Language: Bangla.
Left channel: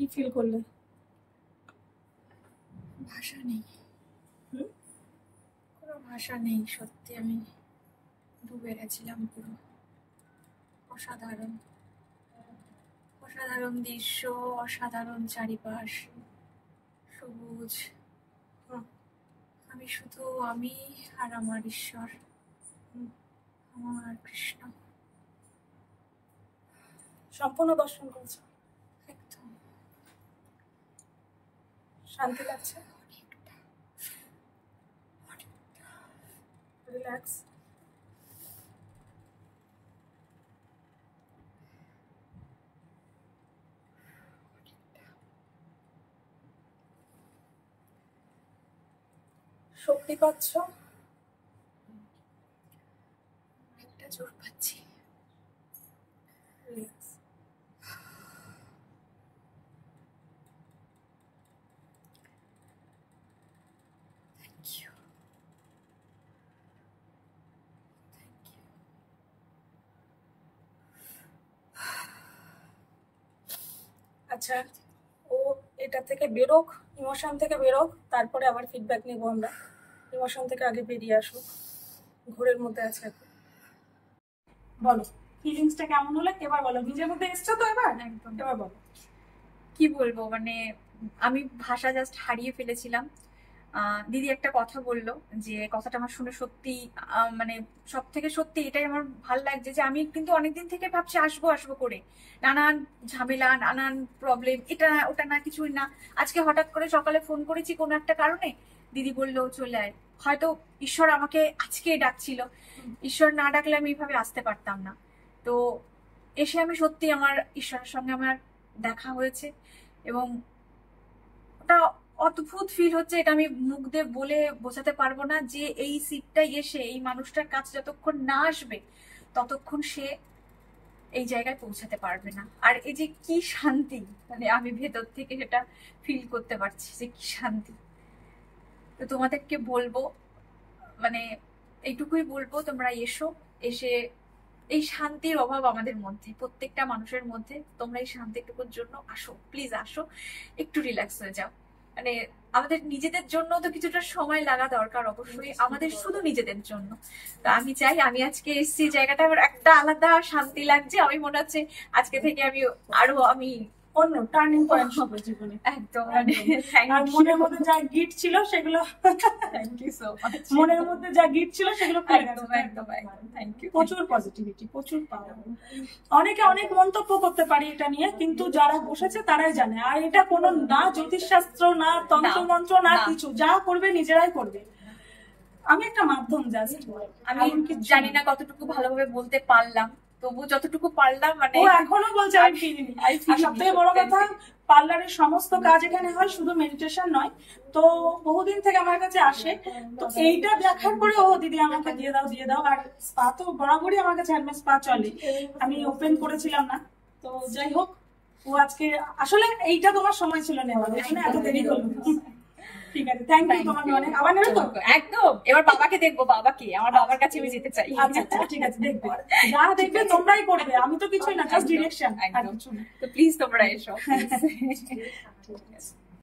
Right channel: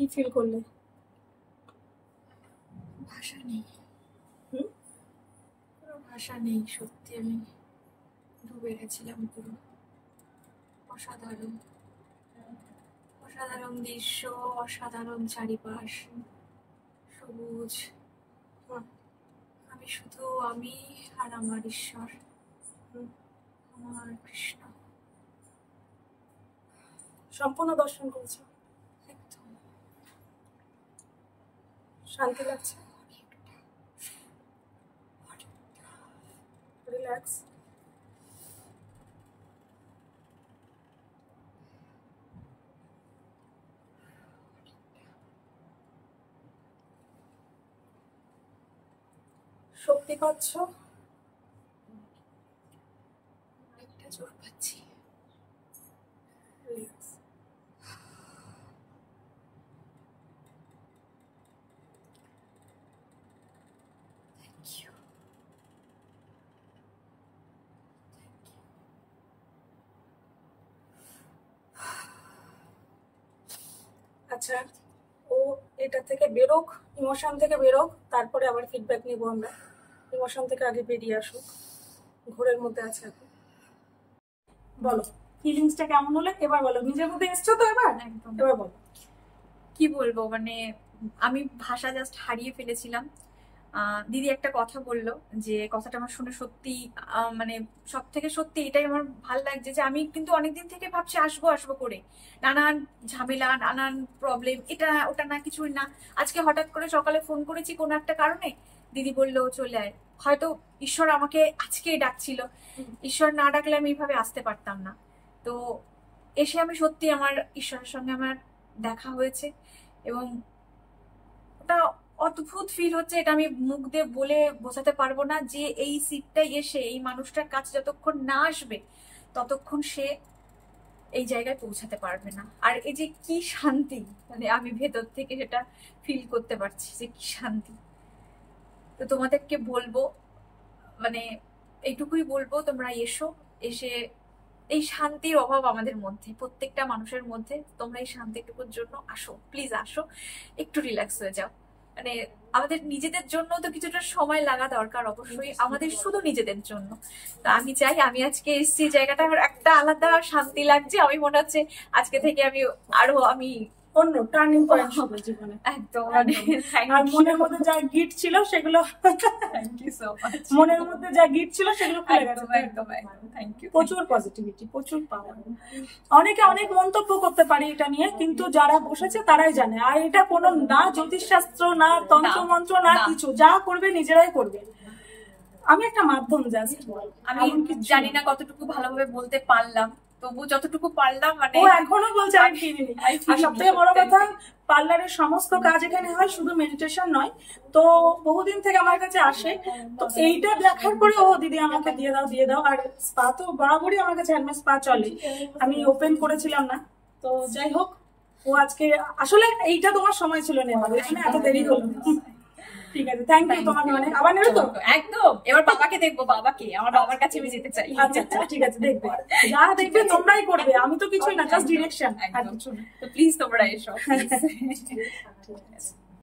কি ফিল করলে? ভাষা নেই, কোনো ভাষা নেই। সত্যি আমি ডুবে গেছিলাম পুরো। অসাধারণ অসাধারণ দৃশ্য, অসাধারণ চারিপাশ, সবুজ। আমি শুধু আমি আর আমার ঈশ্বর, আমার কৃষ্ণ। সম্পূর্ণ দর্শন করেছো? একদম। শান্তি লাগছে? রিল্যাক্স? শক্তি পাচ্ছ? একটা জোর পাচ্ছি। রিল্যাক্স। Thank you. আচ্ছা, ও এটা থেকে বেরোক, ইমোশন থেকে বেরোক, তারপরে আবার ফিডব্যাক নেবো আমরা। ইমোশন থেকে আগে বেরিয়ে আসুক, ঘোরের মধ্যে আছে এখন। বলো ফিলিংসটা কেমন হলো এবার বলো। নিজের মধ্যে এসছো তো এবার? একদম। এবার বলো কি বলবো, মানে আমি ভাষা জাস্ট হারিয়ে ফেলেছিলাম। দিদি একটা কথা বললো, যে কথাটা আমার শুনে সত্যি মানে সব থেকে সত্যি এটাই আমার ভাল লাগছে, যে আমি কিন্তু অনেকদিন থেকে ভাবছি আসবো আসবো করে, নানান ঝামেলা, নানান প্রবলেম, এটা ওটা না কিছুই না। আজকে হঠাৎ করে সকালে ফোন করেছি কোনো একটা কারণে, দিদি বললো চলে আয়। হয়তো ঈশ্বর আমাকে আজকে ডাকছিল, ঈশ্বর না ডাকলে আমি এইভাবে আসতে পারতাম না। তো এসে আমি সত্যি আমার ঈশ্বরের সঙ্গে আমার দেখা হয়েছে, এবং ওটা অদ্ভুত ফিল হচ্ছে। এটা আমি মুখ দিয়ে বলে বোঝাতে পারবো না, যে এই সিটটাই এসে এই মানুষটার কাছে যতক্ষণ না আসবে ততক্ষণ সে এই জায়গায় পৌঁছাতে পারবে না। আর এই যে কি শান্তি, মানে আমি ভেতর থেকে সেটা ফিল করতে পারছি যে কি শান্তি। তো তোমাদেরকে বলবো, মানে এইটুকুই বলবো, তোমরা এসো, এসে এই শান্তির অভাব আমাদের মধ্যে, প্রত্যেকটা মানুষের মধ্যে, তোমরা এই শান্তিটুকুর জন্য আসো, প্লিজ আসো, একটু রিল্যাক্স হয়ে যাও। মানে আমাদের নিজেদের জন্য তো কিছুটা সময় লাগা দরকার অবশ্যই, আমাদের শুধু নিজেদের জন্য। তা আমি চাই, আমি আজকে এসছি জায়গাটা আমার একটা আলাদা শান্তি লাগছে। আমি মনে হচ্ছে আজকে থেকে আমি আরো অন্য টার্নিং পয়েন্ট হবে জীবনে। একদম, মানে আর মনের মধ্যে যা গিট ছিল সেগুলো, থ্যাংক ইউ সো মাচ। মনের মধ্যে যা গিট ছিল সেগুলো খুলে গেছে। একদম একদম থ্যাংক ইউ। প্রচুর পজিটিভিটি, প্রচুর পাওয়ার। অনেকে অনেক মন্তব্য করতে পারে এটা নিয়ে, কিন্তু যারা বসেছে তারাই জানে। আর এটা কোনো না জ্যোতিষশাস্ত্র, না তন্ত্র মন্ত্র, না কিছু, যা করবে নিজেরাই করবে। আমি একটা মাধ্যম জাস্ট। আমি জানি না কতটুকু ভালোভাবে বলতে পারলাম, তবু যতটুকু পারলাম, মানে ও এখনো বলছে আমি ফিরিনি। আর সবথেকে বড় কথা, পার্লারের সমস্ত কাজ এখানে হয়, শুধু মেডিটেশন নয়। তো বহুদিন থেকে আমার কাছে আসে, তো এইটা দেখার পরে ও দিদি আমাকে দিয়ে দাও দিয়ে দাও। আর স্পা তো বরাবরই আমার কাছে হ্যান্ডমেড স্পা চলে, আমি ওপেন করেছিলাম না। তো যাই হোক, ও আজকে আসলে এইটা তোমার সময় ছিল না, আমাদের এত দেরি করলো। ঠিক আছে, থ্যাংক ইউ তোমাকে অনেক। আবার নেবে তো? একদম। এবার বাবাকে দেখবো, বাবাকে, আমার বাবার কাছে আমি যেতে চাই। আচ্ছা আচ্ছা, ঠিক আছে, দেখবে, যা দেখবে তোমরাই করবে, আমি তো কিছুই না, জাস্ট ডিরেকশন। একদম। তো প্লিজ তোমরা এসো।